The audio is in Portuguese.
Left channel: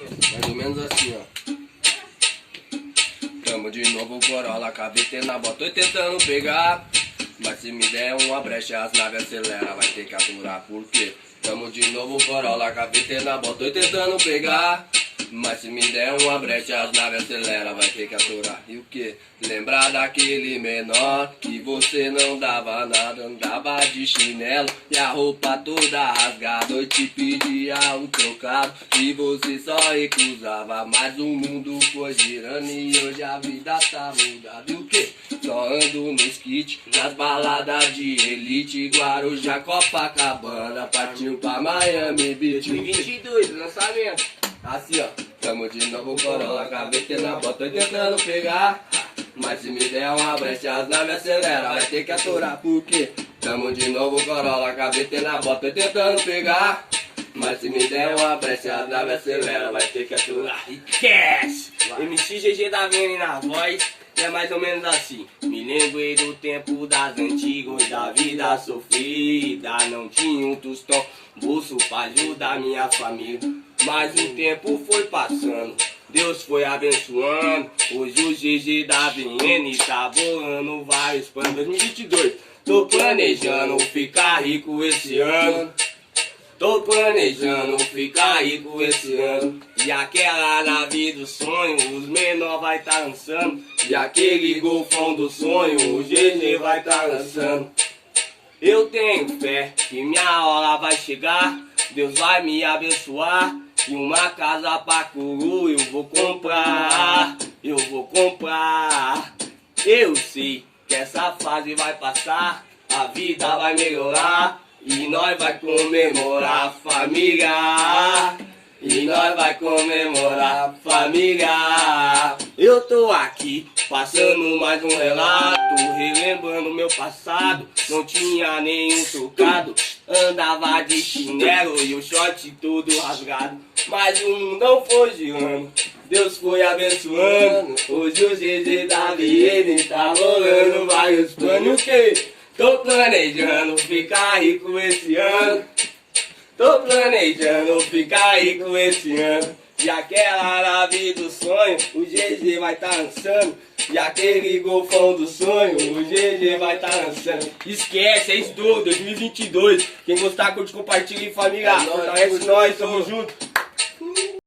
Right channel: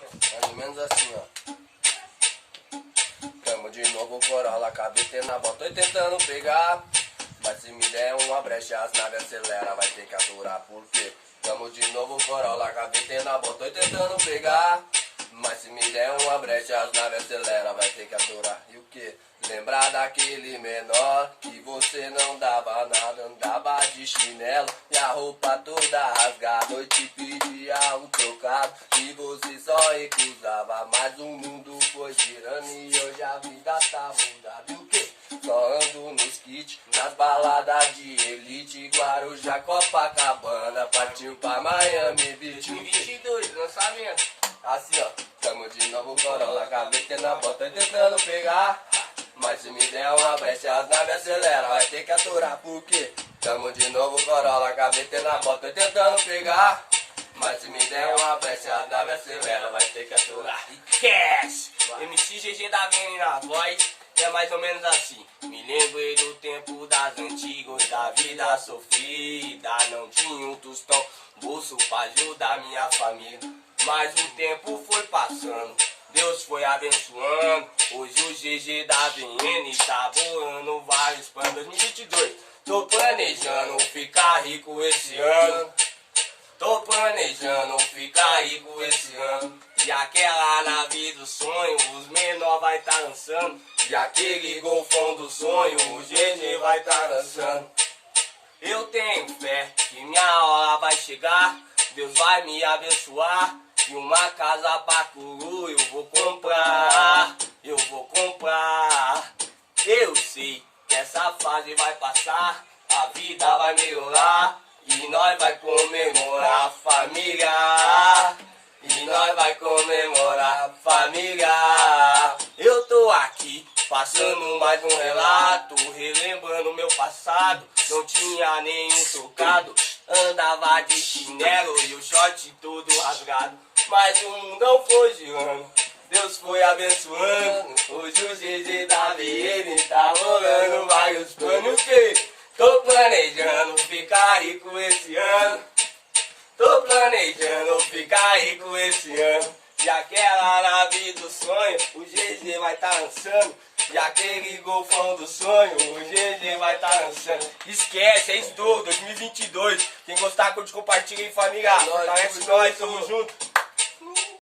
Mais ou menos assim, ó. Tamo de novo Corolla, KVT na bota, tô tentando pegar. Mas se me der uma brecha, as naves acelera, vai ter que aturar, por quê? Tamo de novo Corolla, KVT na bota, tô tentando pegar. Mas se me der uma brecha, as naves acelera, vai ter que aturar. E o que? Lembrar daquele menor que você não dava nada, andava de chinelo e a roupa toda rasgada. Eu te pedia um trocado e você só recusava. Mas o mundo foi girando e hoje a vida tá mudada. E o que? Só ando nos kits, nas baladas de elite, Guarujá, Copacabana, partiu pra Miami Beach. 22, lançamento. Assim ó, tamo de novo Corolla, KVT na bota, tô tentando pegar. Mas se me der uma brecha, as naves acelera, vai ter que aturar, por quê? Tamo de novo Corolla, KVT na bota, tô tentando pegar. Mas se me der uma brecha, as naves acelera, vai ter que aturar. E cash! MC GG da Vene na voz. É mais ou menos assim. Me lembrei do tempo das antigas, da vida sofrida. Não tinha um tostão, bolso pra ajudar minha família. Mas o tempo foi passando, Deus foi abençoando. Hoje o GG da VN tá bolando vários planos. 2022, tô planejando ficar rico esse ano. Tô planejando ficar rico esse ano. E aquela nave do sonho, os menor vai tá lançando. E aquele golfão do sonho, o GG vai tá lançando. Eu tenho fé que minha hora vai chegar, Deus vai me abençoar. E uma casa pra curu eu vou comprar, eu vou comprar. Eu sei que essa fase vai passar, a vida vai melhorar. E nós vai comemorar, família. E nós vai comemorar, família. Eu tô aqui, passando mais um relato, relembrando meu passado. Não tinha nenhum trocado, andava de chinelo e o short todo rasgado. Mas o mundo não foi girando, Deus foi abençoando. Hoje o GG da VN tá rolando vários planos que tô planejando ficar rico esse ano. Tô planejando ficar rico esse ano. E aquela nave do sonho, o GG vai tá lançando. E aquele golfão do sonho, o GG vai tá lançando. Esquece, é estouro, 2022. Quem gostar, curte, compartilha em família. Fortalece nós, tamo junto.